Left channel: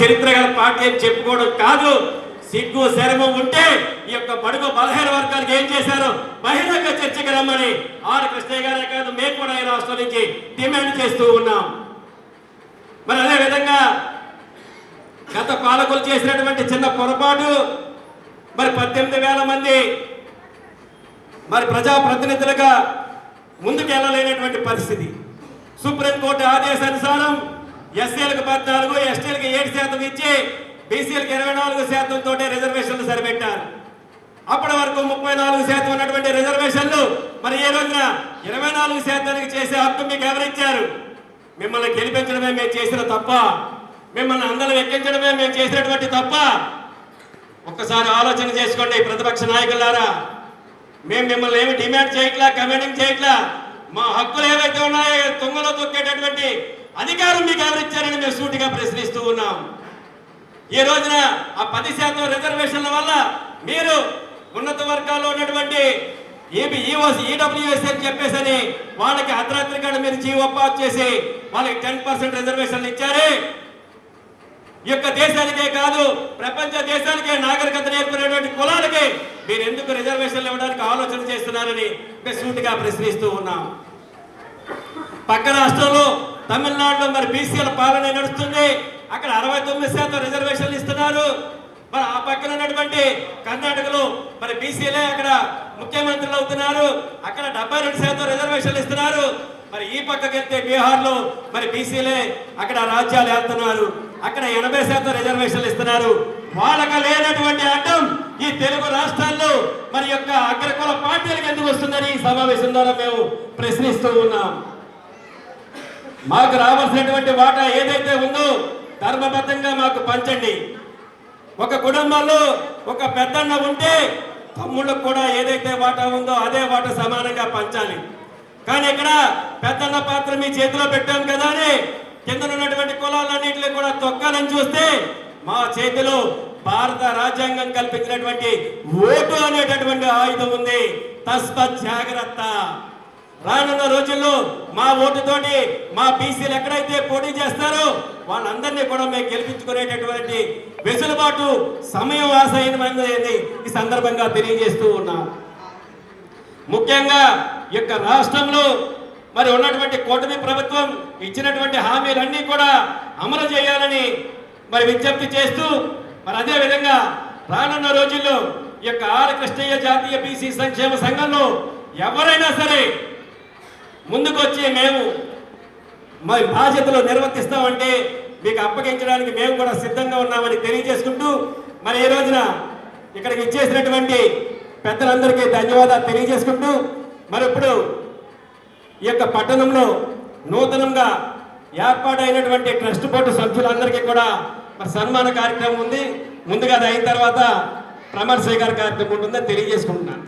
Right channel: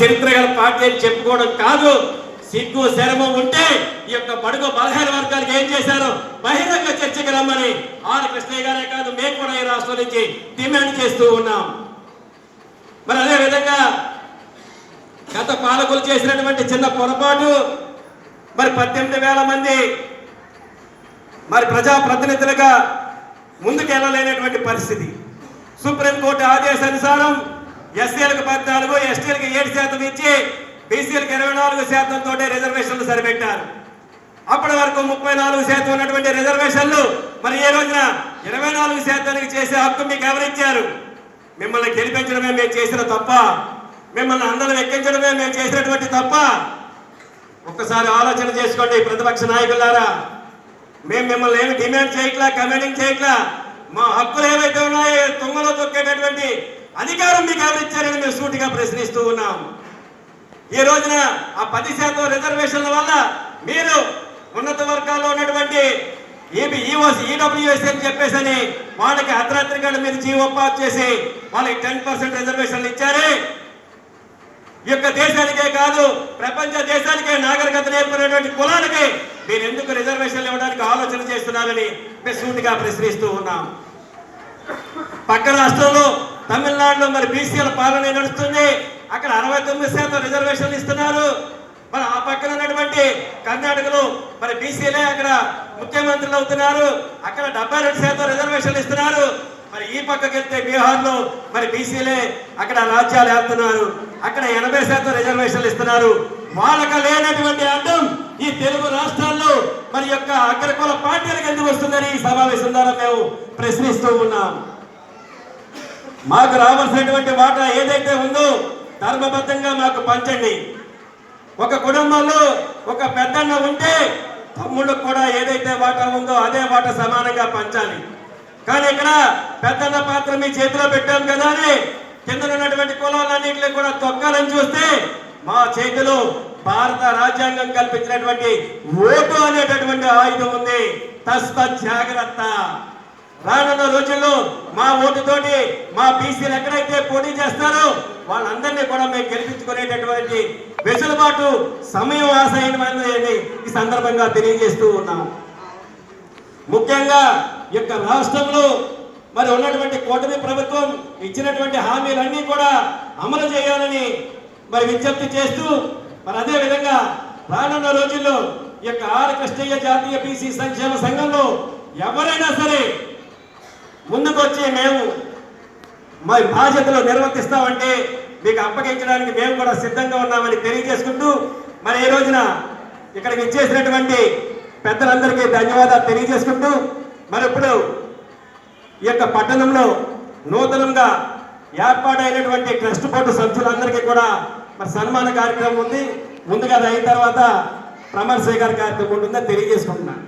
చరిత్ర గల పార్టీ అని చెప్పుకోవడం కాదు. సిగ్గు శరము ఉంటే ఈ యొక్క బడుగు బలహీన వర్గాలకు ఏం చేశారో బహిరంగ చర్చకి రమ్మని ఆర్ కృష్ణయ్య గారే కాదు మేము కూడా ఈ రాష్ట్రం నుంచి డిమాండ్ చేస్తూ ఉన్నాం. మరి అదే విధంగా గత పాలకులు చేసినటువంటి చిన్న పొరపాటు, మరి 18,000 మంది మరి ప్రజాప్రతినిధులుగా ముందుకెళ్ళలేనటువంటి పరిస్థితి. సుప్రీంకోర్టు ఆదేశానుసారం ఎస్సీలకు 14, ఎస్టీలకు 7% ఇచ్చి బీసీలకు 24% తోటి రిజర్వేషన్లు సరిపెట్టారు. అప్పటి వరకు 34% ఉన్నటువంటి రిజర్వేషన్లు మరి ఏ రోజున 24% చేసే హక్కు మీకు ఎవరిచ్చారు? మిమ్మల్ని గెలిపించడమే మేము చేసిన తప్ప, మిమ్మల్ని అందరం ఎక్కించడమే మేము చేసినటువంటి తప్ప? ఒక్కసారి ఆలోచన చేసుకోండి ప్రతిపక్ష నాయకులారా. మేము మిమ్మల్ని ఏమి డిమాండ్ చేయట్లా, కమాండింగ్ చేయట్లా. మా హక్కులు ఏవైతే ఉన్నాయో తుంగలో తొక్కేటటువంటి అధికారం మీకు ఎవరిచ్చారని మేము సూటిగా ప్రశ్నిస్తూ ఉన్నాం. ఈ రోజున ఆ 10% రిజర్వేషన్ల వల్ల మీరు ఉన్నత వర్గాల్లో ఉన్నటువంటి ఈడబ్ల్యూఎస్ అని చెప్పేసి వాళ్ళకి అర్ధరాత్రిగా మీరు జీవో పాస్ చేసి వాళ్ళకి 10% రిజర్వేషన్లు ఇచ్చారే. ఈ యొక్క దేశానికే కాదు ప్రపంచ దేశానికే నాగరికత నేర్పుకునేటువంటి కులాలకి మీరు ఎందుకు రిజర్వేషన్లు ఇవ్వడానికి ఆలోచన చేస్తున్నారని మేము సూటిగా ప్రశ్నిస్తూ ఉన్నాం. పక్క రాష్ట్రంలో తమిళనాడులో మరి బీసీల పాలన నడుస్తుంది. అక్కడ 69% రిజర్వేషన్లు ఇస్తున్నారు. మరి ఆ పక్కన ఉన్నటువంటి కర్ణాటకలో మరి బీసీలే అక్కడ ముఖ్యమంత్రులు అవుతున్నారు. అక్కడ 72% రిజర్వేషన్లు ఇస్తున్నారు. మరి ఈ పక్కకి వెళ్తే బీహార్లో మరి బీసీలే అక్కడ రాజ్యాలు వెళ్తున్నారు. అక్కడ 80% రిజర్వేషన్లు ఇస్తున్నారు. వాళ్ళకి లేనటువంటి అడ్డం ఈ తెలుగు రాష్ట్రాల్లో మరి యొక్క అగ్రకుల పార్టీలకు ఎందుకు వస్తుందని ఈ సమావేశం ద్వారా మేము ప్రశ్నిస్తూ ఉన్నాం. మాకు రావాల్సినటువంటి వాటా ఏదైతే ఉందో ధర్మబద్ధంగా మాకు పంచండి. ఒక కుటుంబంలో ఒక పెద్దన్న ఉంటే తమ్ముళ్ళకు కూడా ఏదైతే వాటా ఉందో అదే వాటా సమానంగా పంచాలి. కానీ ఇక్కడ పెద్దన్న పాత్ర మీ చేతిలో పెట్టాం కదా అని కింద ఉన్నటువంటి కులాలన్నింటినీ కూడా తొక్కాలని చూస్తే మా చేతిలో భారత రాజ్యాంగం కల్పించినటువంటి ఓటు అనేటటువంటి ఆయుధం ఉంది. తస్మత్ జాగ్రత్త. రానున్న రోజుల్లో మా ఓటుతోటి మా బీసీలు ఎక్కడైతే పోటీ చేస్తారో వాళ్ళందరినీ కూడా మేము గెలిపించుకునేటటువంటి వెసులుబాటు సమయం ఆశయమైందని ఈ సందర్భంగా తెలియజేస్తూ ఉన్నాం. ముఖ్యంగా ఈ యొక్క రాష్ట్రంలో మరి ఉన్నటువంటి కూటమి ప్రభుత్వం ఇచ్చినటువంటి హామీలన్నీ కూడా అమలు చేయాలని మరి విజ్ఞప్తి చేస్తూ మరి అదే విధంగా రానున్న రోజుల్లో ఈ యొక్క ఆర్ కృష్ణయ్య జాతీయ బీసీ సంక్షేమ సంఘంలో ఎవరైనా సరే ముందుకొచ్చి మేము మరి బాధ్యతలు నిర్వర్తిస్తామంటే మీకు అప్పగించడానికి మేము కూడా సిద్ధంగా ఉన్నామని తెలియజేసుకుంటూ మరి ఈ రోజున ఇక్కడికి ఇచ్చేసినటువంటి పెద్దలందరికీ ధన్యవాదాలు తెలియజేసుకుంటూ మరి ఇప్పుడు ఈ యొక్క పట్టణంలో నూతనంగా ఏర్పాటైనటువంటి ట్రస్ట్ బోర్డు సభ్యులందరికీ కూడా మరి సన్మాన కార్యక్రమం ఉంది. ముందుగా అది అయిన తర్వాత ప్రమాణ స్వీకార కార్యక్రమం ఉంటుందని తెలియజేసుకుంటున్నాను.